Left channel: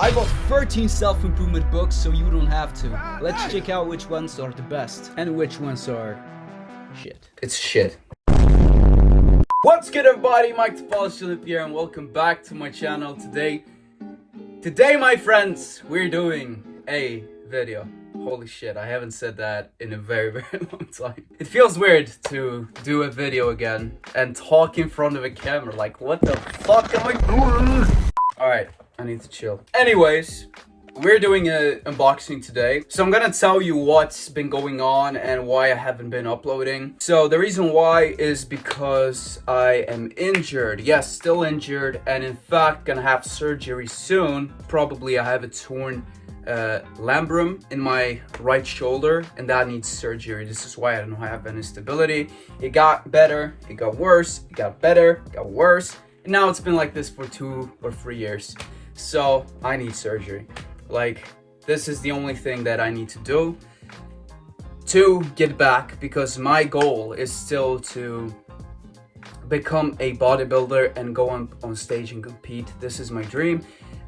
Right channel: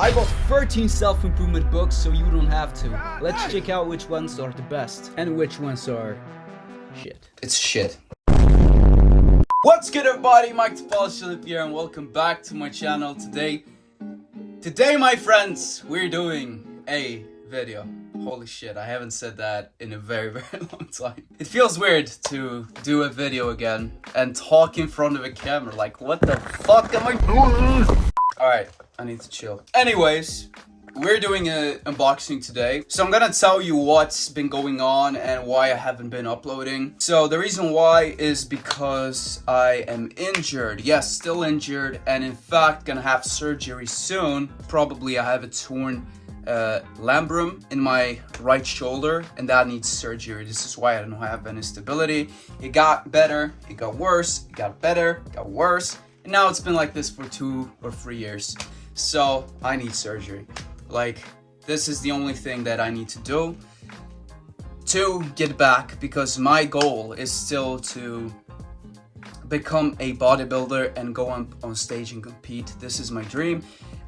I bought 13 self-improvement books so you don't have to. Let's check out which ones are the best and which ones are shit. It's shit. What's good, everybody? Mike the Polski Olympia, and welcome back to my channel. Today, my friends, we're doing a video. Holy shit, I haven't said that in a very long time. It feels weird to do a video again and talk in front of a camera. Like, what the fuck am I doing? Alright, I need to chill. Anyways, we're doing an unboxing today. So I'm gonna tell you what's been going on and why I haven't been uploading. So the reason why is because I am injured. Yes, still injured, and in fact gonna have surgery soon. Probably I have a torn labrum in my right shoulder, and that needs surgery. This is why I don't have any stability. It got better, it got worse, it got better, it got worse. And now it's been like this for 2 or 3 years. So I need surgery. Like, this is the only thing that I need to do to get back, because my goal is still to become a bodybuilder and go on stage and compete. This is my dream.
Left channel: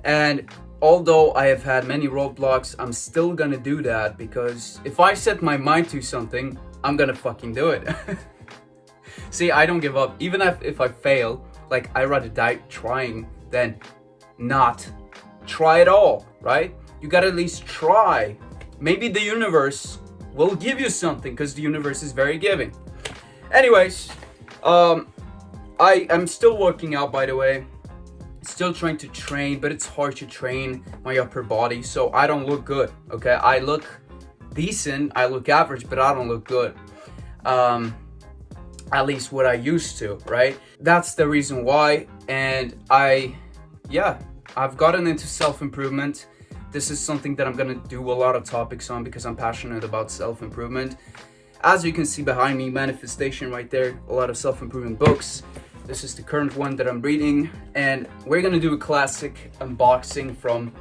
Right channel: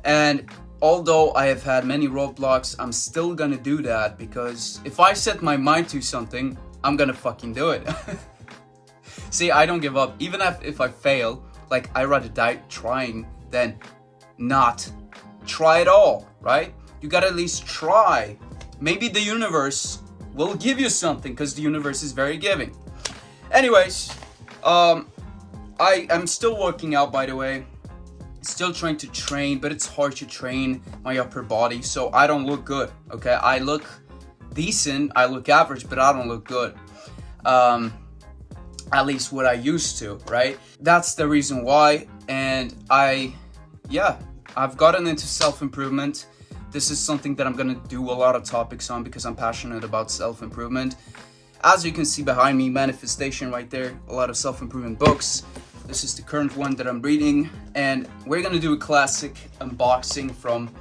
And although I have had many roadblocks, I'm still gonna do that, because if I set my mind to something, I'm gonna fucking do it. See, I don't give up. Even if I fail, like, I'd rather die trying than not try at all, right? You gotta at least try. Maybe the universe will give you something, because the universe is very giving. Anyways, I am still working out, by the way. Still trying to train, but it's hard to train my upper body, so I don't look good, okay? I look decent, I look average, but I don't look good. At least what I used to, right? That's the reason why. And I've gotten into self-improvement. This is something that I'm gonna do a lot of topics on, because I'm passionate about self-improvement. As you can see behind me, manifestation right there, a lot of self-improvement books. This is the current one that I'm reading, and we're gonna do a classic unboxing from,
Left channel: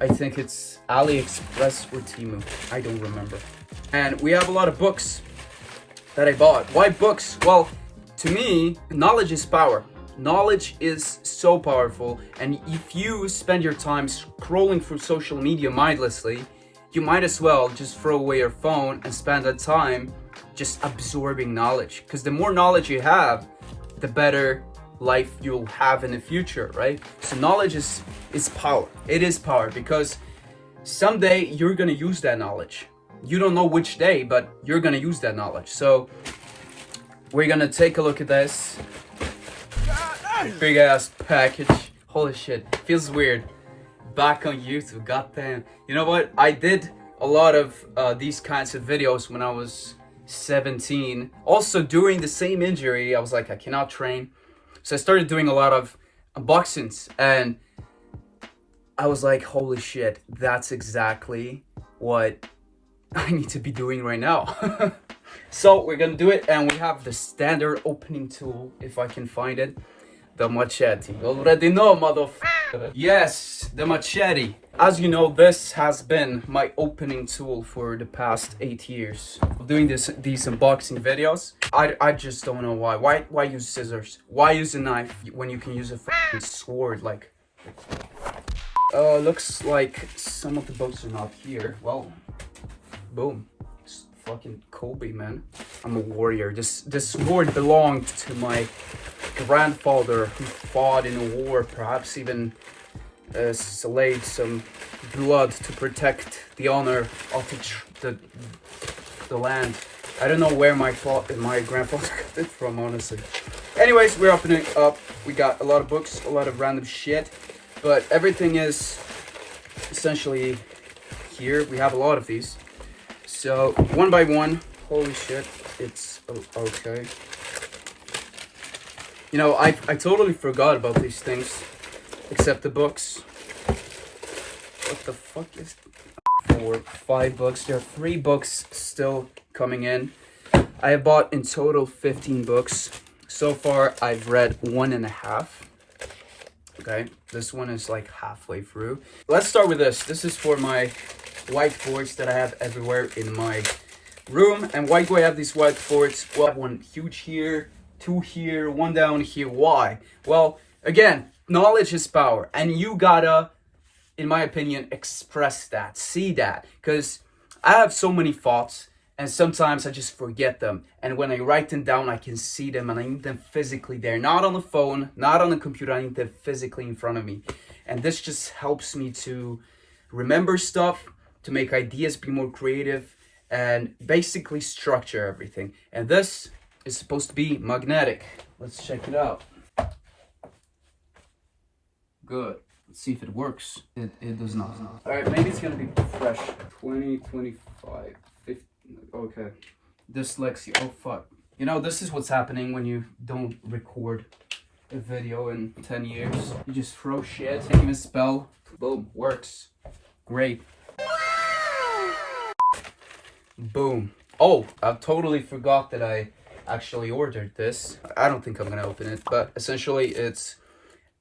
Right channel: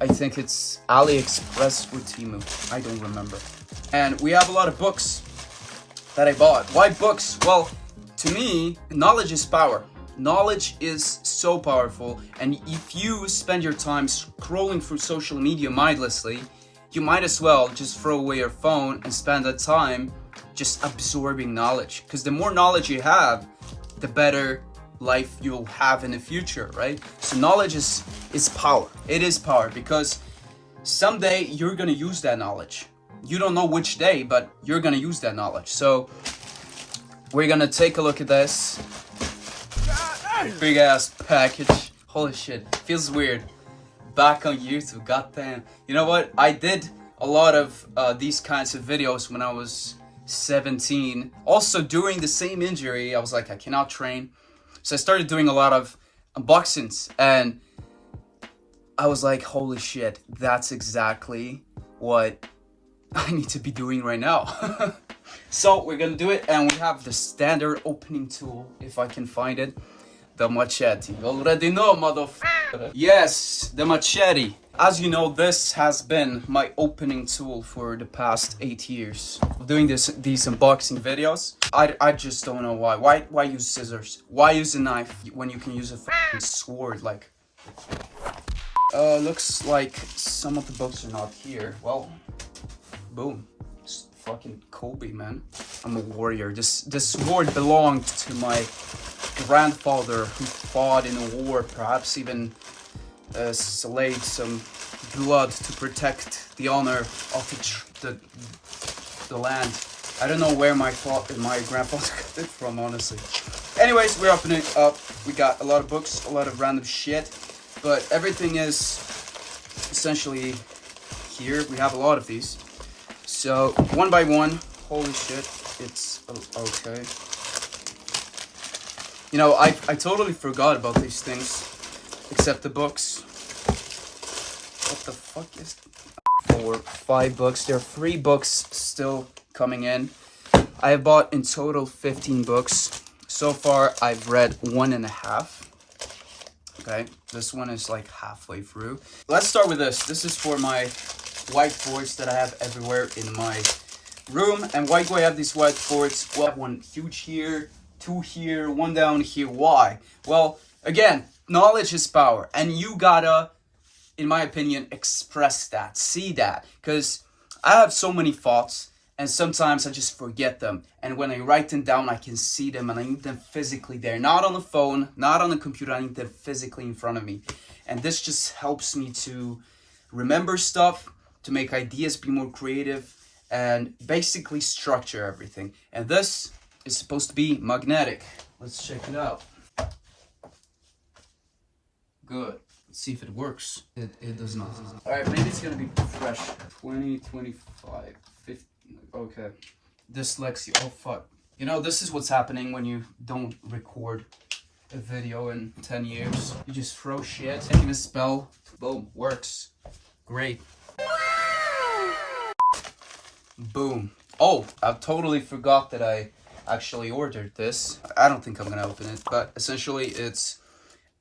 I think it's AliExpress or Temu, I don't remember. And we have a lot of books that I bought. Why books? Well, to me, knowledge is power. Knowledge is so powerful, and if you spend your time scrolling through social media mindlessly, you might as well just throw away your phone and spend that time just absorbing knowledge. Because the more knowledge you have, the better life you'll have in the future, right? So knowledge is power. It is power, because someday you're gonna use that knowledge. You don't know which day, but you're gonna use that knowledge. So we're gonna take a look at this big ass package. Holy shit, feels weird. Back on YouTube, goddamn. You know what? I did a lot of these kinds of videos when I was 17. Also, during the same injury, I was like, I cannot train. So I started doing a lot of unboxings, and I was like, holy shit, that's exactly what I need to be doing right now. So we're gonna do it, and we have the standard opening tool, if I can find it. The machete. You already know, motherfucker. Yes, the machete. As you know, this has been my opening tool for the past 8 years. Doing these unboxing videos. I just don't know why. Why use scissors? Why use a knife when you can use a fucking sword? Like, looks like some of the books are not here. Well, boom. It's fucking Kobe, man. I'm a warrior. This sword belonged to my grandfather, who fought in a war, perhaps even slayed some blood to protect the honor of the land. I don't know where my grandfather got it from, honestly. Anyways, we're opening it up. We got a lot of books, a lot of random shit, but everything is essentially here. We have a lot of these. So one by one, holy shit, it's okay. You know, I totally forgot about these things, except the books. What the fuck is 4, 5 books? There are 3 books still coming in. I have bought in total 15 books. So far, I've read 1.5. Okay, this one is like halfway through. Let's start with this. This is for my whiteboards that I have everywhere in my room. And why do I have these whiteboards? Well, one huge here, 2 here, 1 down here. Why? Well, again, knowledge is power, and you gotta in my opinion, express that, see that, because I have so many thoughts and sometimes I just forget them. And when I write them down, I can see them and I need them physically there, not on the phone, not on the computer. I need them physically in front of me. And this just helps me to remember stuff, to make ideas be more creative, and basically structure everything. And this is supposed to be magnetic. Let's check it out. Good. Let's see if it works. It does not. All right, maybe it's gonna be fresh. 20, 25, 50. Okay. Dyslexia. Oh fuck. You know, this is what's happening when you don't record a video in 10 years. You just throw shit, can't even spell. Boom. Works. Great. Boom. Oh, I totally forgot that I actually ordered this. I don't think I'm gonna open it, but essentially it's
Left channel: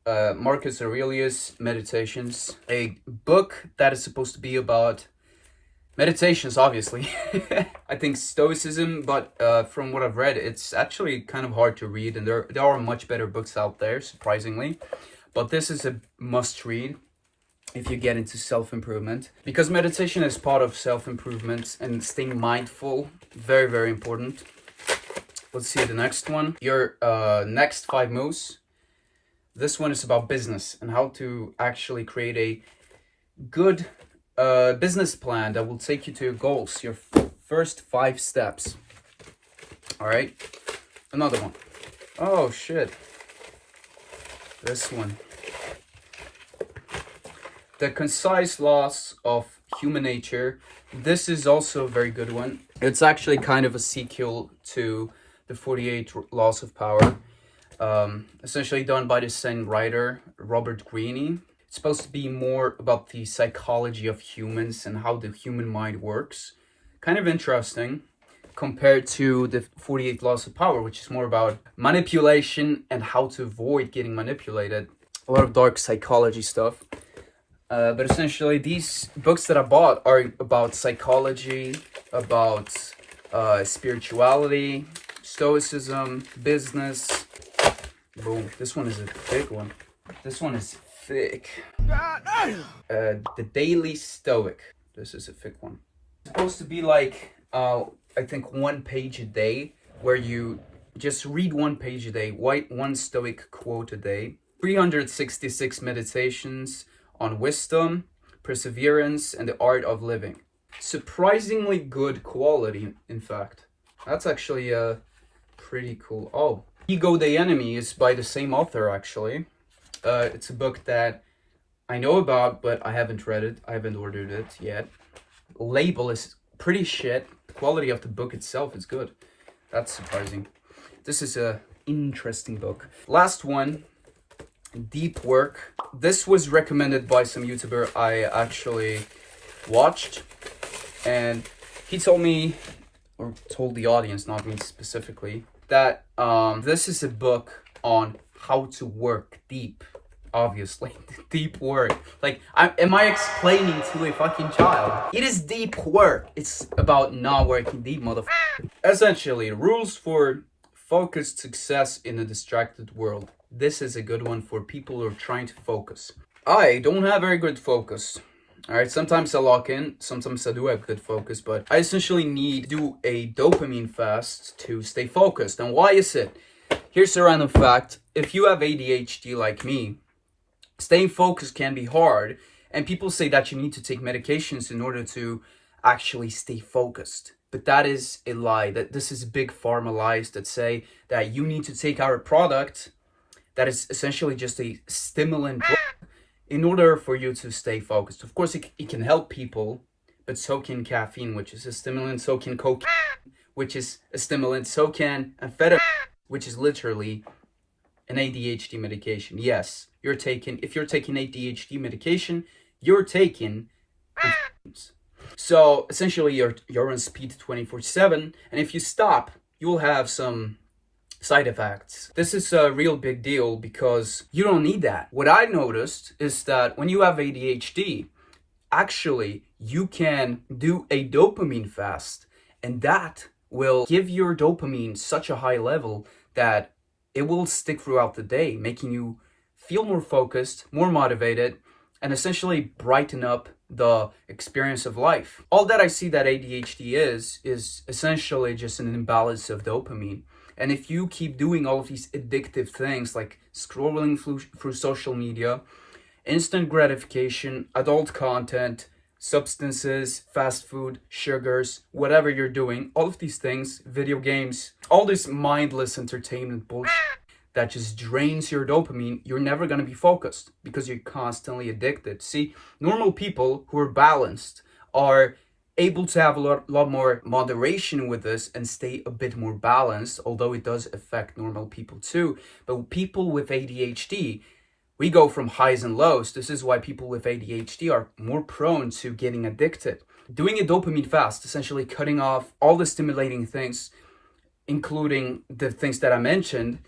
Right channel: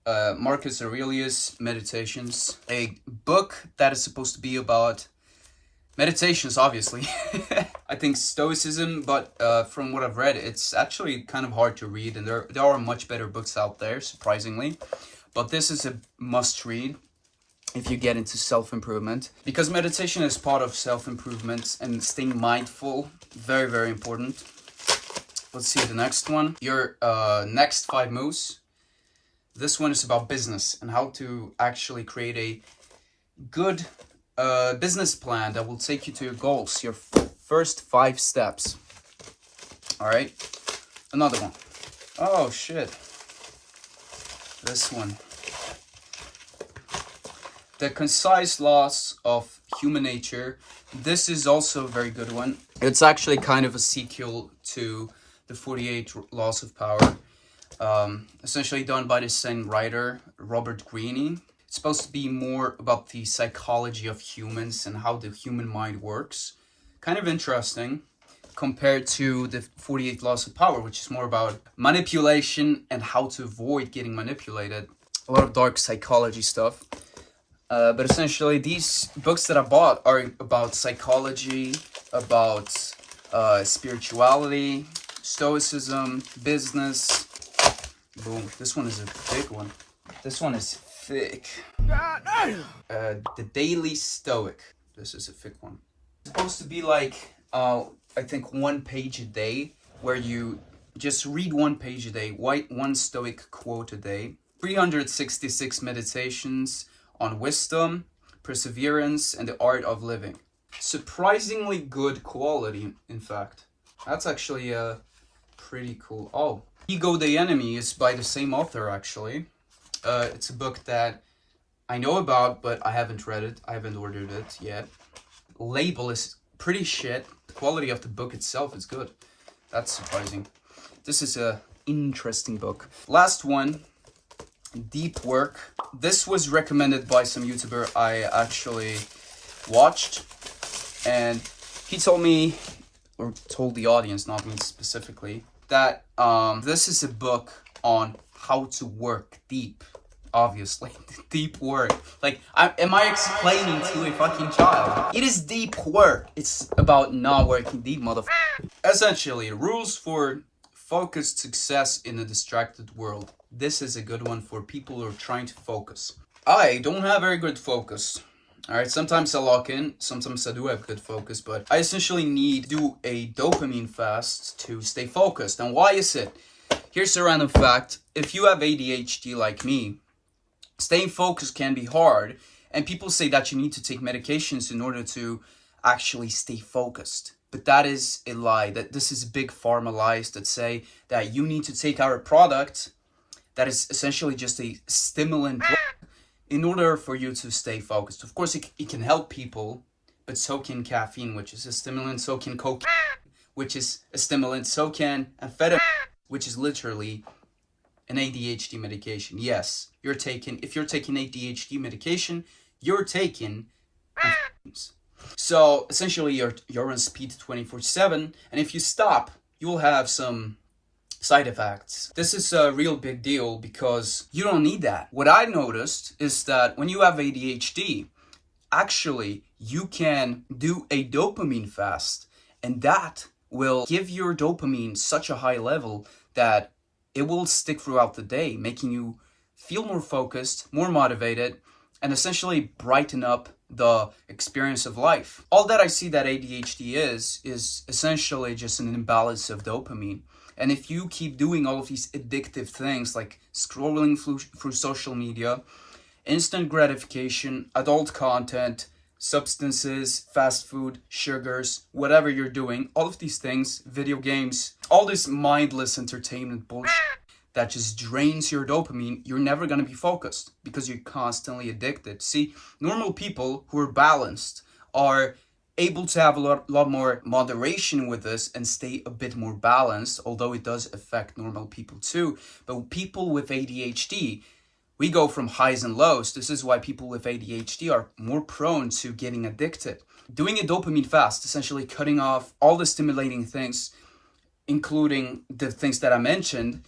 Marcus Aurelius Meditations, a book that is supposed to be about meditations, obviously. I think Stoicism, but from what I've read, it's actually kind of hard to read, and there are much better books out there, surprisingly. But this is a must-read if you get into self-improvement, because meditation is part of self-improvement, and staying mindful, very, very important. Let's see the next one. Your next 5 moves. This one is about business and how to actually create a good business plan that will take you to your goals. Your first 5 steps. All right. Another one. Oh shit. This one. The Concise Laws of Human Nature. This is also a very good one. It's actually kind of a sequel to the 48 Laws of Power. Essentially done by the same writer, Robert Greene. It's supposed to be more about the psychology of humans and how the human mind works. Kind of interesting compared to the 48 Laws of Power, which is more about manipulation and how to avoid getting manipulated. A lot of dark psychology stuff. But essentially, these books that I bought are about psychology, about spirituality, stoicism, business. Boom. This one is a big one. This one is thick. The Daily Stoic. This is a thick one. It's supposed to be like, I think 1 page a day, where you just read 1 page a day, one Stoic quote a day. 366 meditations on wisdom, perseverance, and the art of living. Surprisingly good quality, in fact. That's actually pretty cool. Oh, Ego the Enemy is by the same author, actually. It's a book that I know about, but I haven't read it. I haven't ordered it yet. Label is pretty shit. The quality of the book itself is good. That's surprising. This is a interesting book. Last one. Deep Work. This was recommended by some YouTuber I actually watched, and he told me, or told the audience, not me specifically, that this is a book on how to work deep. Obviously, deep work. Like, am I explaining to a fucking child? It is deep work. It's about not working deep, motherfucker. Essentially, rules for focused success in a distracted world. This is a good one for people who are trying to focus. I don't have very good focus. All right, sometimes I lock in, sometimes I do have good focus, but I essentially need to do a dopamine fast to stay focused. And why is it? Here's a random fact. If you have ADHD like me, staying focused can be hard. And people say that you need to take medications in order to actually stay focused. But that is a lie. That this is big pharma lies that say that you need to take our product that is essentially just a stimulant in order for you to stay focused. Of course, it can help people, but so can caffeine, which is a stimulant, so can cocaine, which is a stimulant, so can amphetamine, which is literally an ADHD medication. Yes, if you're taking ADHD medication, you're taking amphetamines. So essentially you're on speed 24/7, and if you stop, you will have some side effects. This is a real big deal because you don't need that. What I noticed is that when you have ADHD, actually you can do a dopamine fast, and that will give your dopamine such a high level that it will stick throughout the day, making you feel more focused, more motivated, and essentially brighten up the experience of life. All that I see that ADHD is essentially just an imbalance of dopamine. And if you keep doing all of these addictive things like scrolling through social media, instant gratification, adult content, substances, fast food, sugars, whatever you're doing, all of these things, video games, all this mindless entertainment bullshit that just drains your dopamine, you're never going to be focused because you're constantly addicted. See, normal people who are balanced are able to have a lot more moderation with this and stay a bit more balanced, although it does affect normal people too. But people with ADHD, we go from highs and lows. This is why people with ADHD are more prone to getting addicted. Doing a dopamine fast, essentially cutting off all the stimulating things, including the things that I mentioned,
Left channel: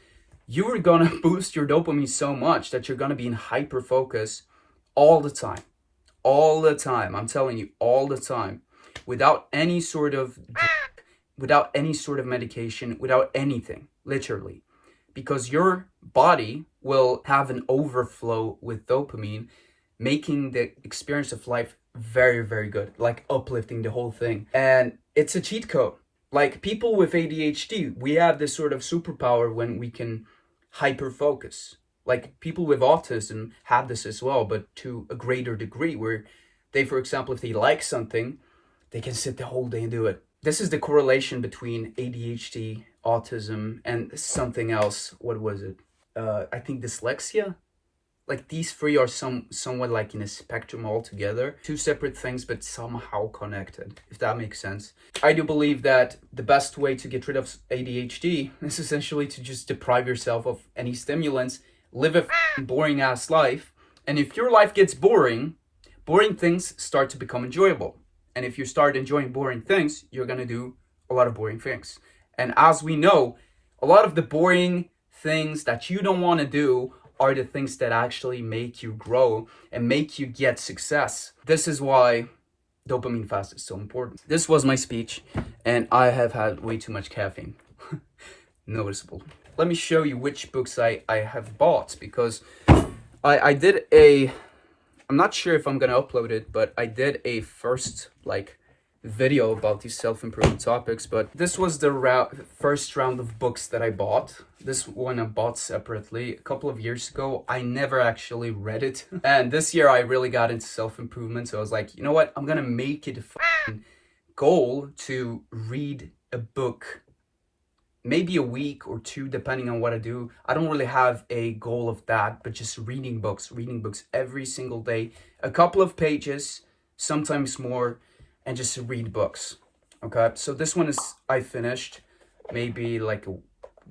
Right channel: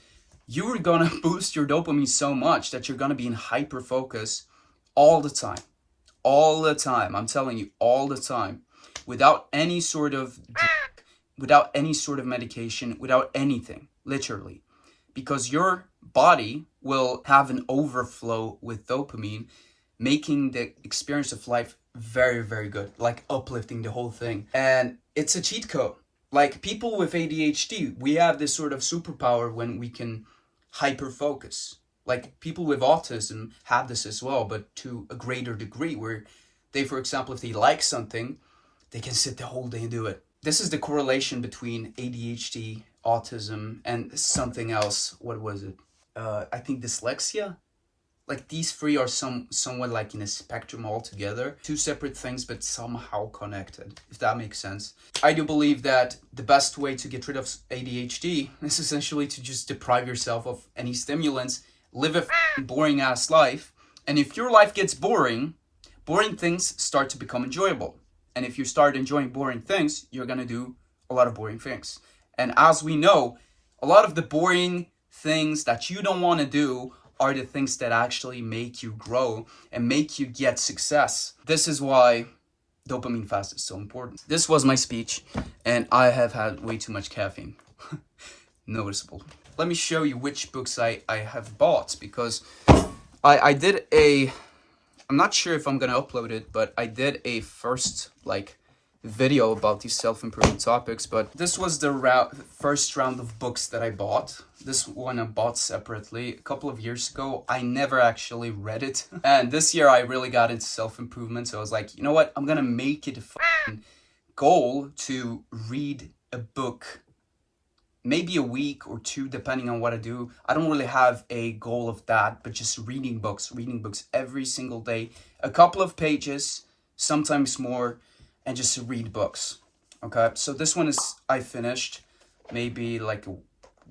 you're gonna boost your dopamine so much that you're gonna be in hyper focus all the time. All the time. I'm telling you, all the time. Without any sort of medication, without anything, literally. Because your body will have an overflow with dopamine, making the experience of life very, very good, like uplifting the whole thing. And it's a cheat code. Like people with ADHD, we have this sort of superpower when we can hyper focus. Like people with autism have this as well, but to a greater degree, where they, for example, if they like something, they can sit the whole day and do it. This is the correlation between ADHD, autism, and something else. What was it? I think dyslexia. Like these three are somewhat like in a spectrum altogether. Two separate things, but somehow connected, if that makes sense. I do believe that the best way to get rid of ADHD is essentially to just deprive yourself of any stimulants, live a boring ass life. And if your life gets boring, boring things start to become enjoyable. And if you start enjoying boring things, you're going to do a lot of boring things. And as we know, a lot of the boring things that you don't want to do are the things that actually make you grow and make you get success. This is why dopamine fast is so important. This was my speech, and I have had way too much caffeine. Noticeable. Let me show you which books I have bought, because I did a... I'm not sure if I'm gonna upload it, but I did a first video about these self-improvement topics. But this was the first round of books that I bought. This one I bought separately a couple of years ago. I never actually read it. And this year I really got into self-improvement. So I was like, you know what? I'm gonna make it a goal to read a book maybe a week or two, depending on what I do. I don't really have a goal of that, but just reading books every single day, a couple of pages, sometimes more, and just read books. Okay, so this one I finished maybe like a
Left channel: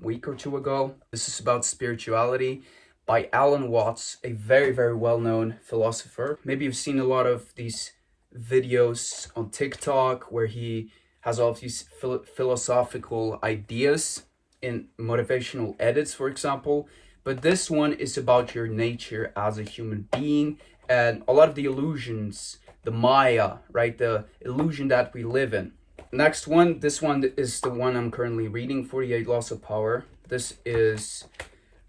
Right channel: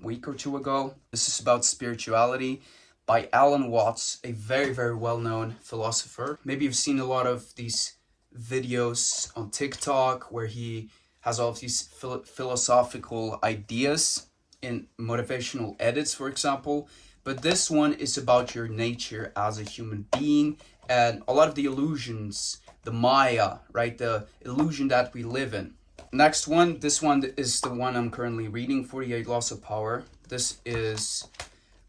week or two ago. This is about spirituality by Alan Watts, a very, very well-known philosopher. Maybe you've seen a lot of these videos on TikTok where he has all of these philosophical ideas in motivational edits, for example. But this one is about your nature as a human being and a lot of the illusions, the Maya, right? The illusion that we live in. Next one, this one is the one I'm currently reading, 48 Laws of Power. This is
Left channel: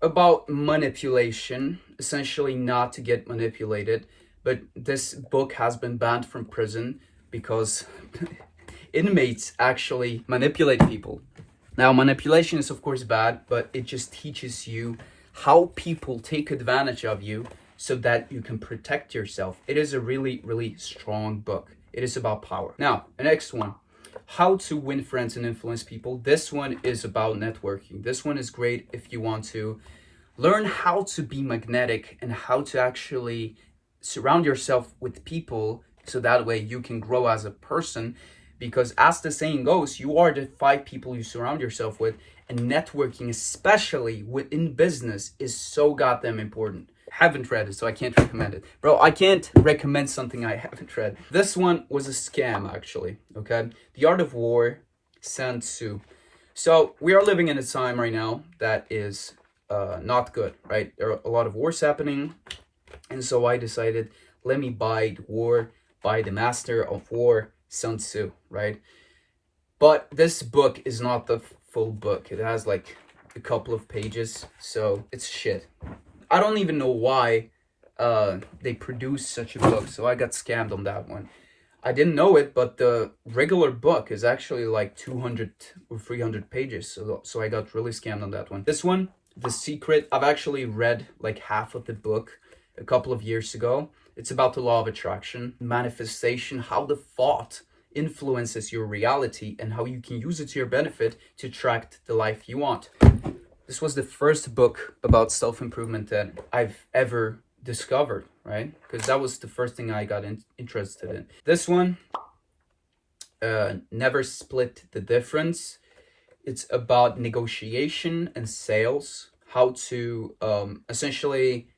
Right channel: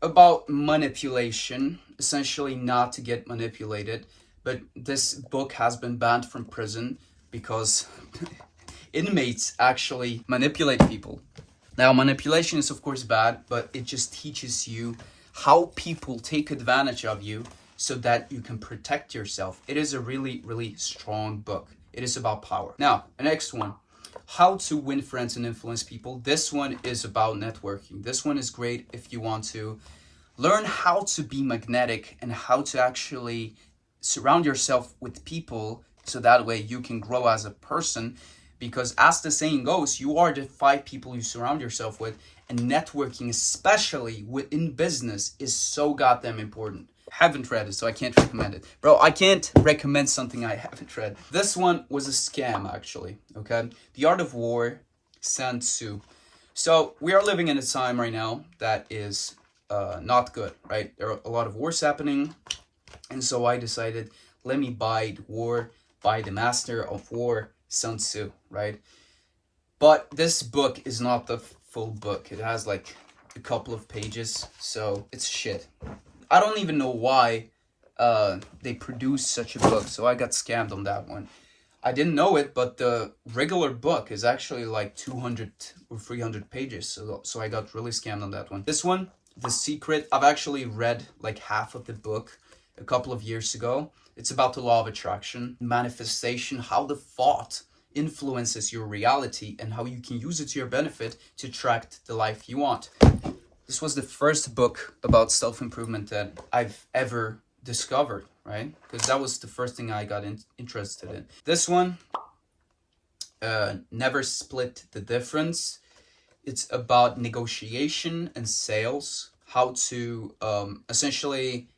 about manipulation, essentially not to get manipulated. But this book has been banned from prison because inmates actually manipulate people. Now, manipulation is of course bad, but it just teaches you how people take advantage of you so that you can protect yourself. It is a really, really strong book. It is about power. Now, the next one, How to Win Friends and Influence People. This one is about networking. This one is great if you want to learn how to be magnetic and how to actually surround yourself with people so that way you can grow as a person. Because as the saying goes, you are the 5 people you surround yourself with, and networking, especially within business, is so goddamn important. Haven't read it, so I can't recommend it. Bro, I can't recommend something I haven't read. This one was a scam, actually, okay? The Art of War, Sun Tzu. So we are living in a time right now that is not good, right? There are a lot of wars happening, and so I decided, let me buy the war by the master of war, Sun Tzu, right? But this book is not the full book. It has like a couple of pages, so it's shit. I don't even know why they produce such a book. So I got scammed on that one. I didn't know it, but the regular book is actually like 200 or 300 pages. So I got really scammed on that one. This one, The Secret, I've actually read like half of the book a couple of years ago. It's about the law of attraction, manifestation, how the thought influences your reality and how you can use it to your benefit to attract the life you want. This was the first book about self-improvement that I've ever discovered, right? Because that was the first thing I got interested in. This one, Never Split the Difference. It's about negotiation and sales, how to essentially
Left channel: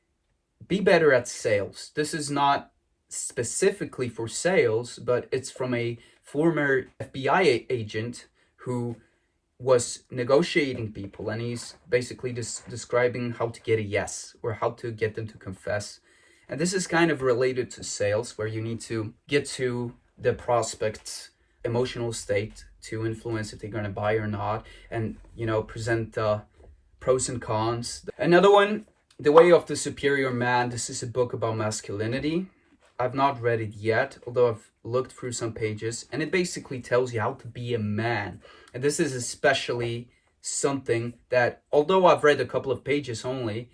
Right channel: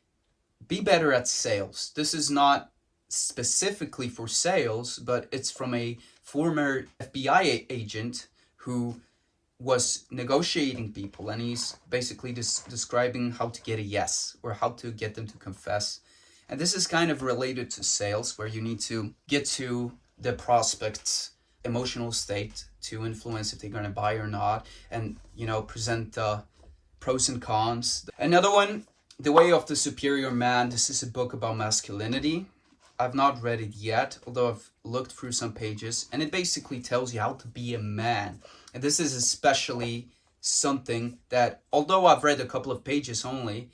be better at sales. This is not specifically for sales, but it's from a former FBI agent who was negotiating people, and he's basically describing how to get a yes or how to get them to confess. And this is kind of related to sales, where you need to get to the prospect's emotional state to influence if they're going to buy or not, and present pros and cons. Another one, The Way of the Superior Man. This is a book about masculinity. I've not read it yet, although I've looked through some pages, and it basically tells you how to be a man. And this is especially something that, although I've read a couple of pages only,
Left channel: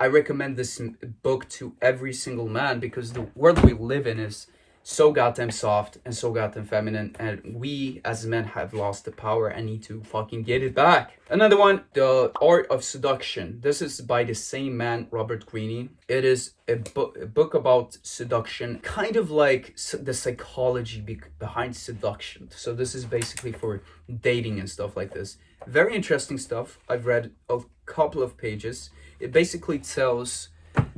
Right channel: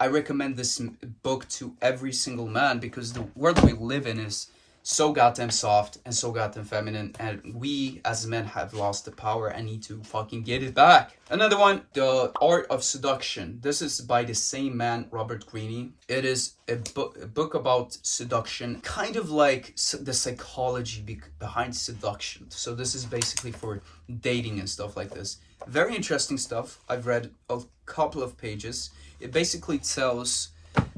I recommend this book to every single man, because the world we live in is so goddamn soft and so goddamn feminine, and we as men have lost the power and need to fucking get it back. Another one, The Art of Seduction. This is by the same man, Robert Greene. It is a book about seduction, kind of like the psychology behind seduction. So this is basically for dating and stuff like this. Very interesting stuff. I've read a couple of pages. It basically tells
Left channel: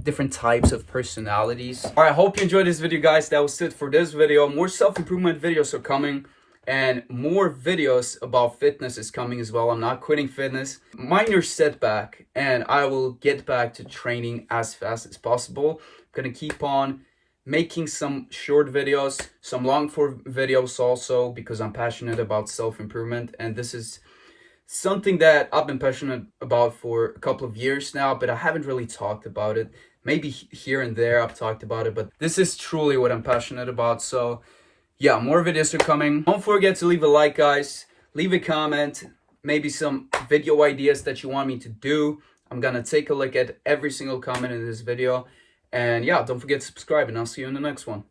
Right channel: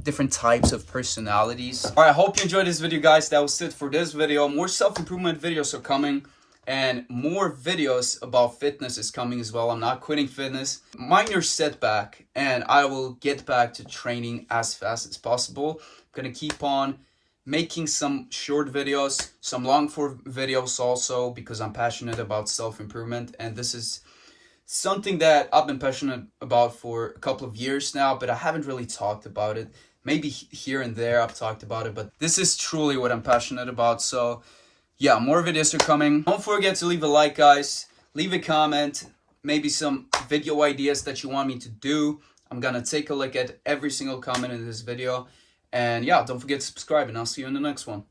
different types of personalities. All right, I hope you enjoyed this video, guys. That was it for this video. More self-improvement videos are coming, and more videos about fitness is coming as well. I'm not quitting fitness. Minor setback, and I will get back to training as fast as possible. I'm gonna keep on making some short videos, some long form videos also, because I'm passionate about self-improvement, and this is something that I've been passionate about for a couple of years now, but I haven't really talked about it. Maybe here and there I've talked about it, but this is truly what I'm passionate about. So yeah, more videos are coming. Don't forget to leave a like, guys. Leave a comment, maybe some video ideas that you want me to do. I'm gonna take a look at every single comment in this video. And yeah, don't forget to subscribe, and I'll see you in the next one.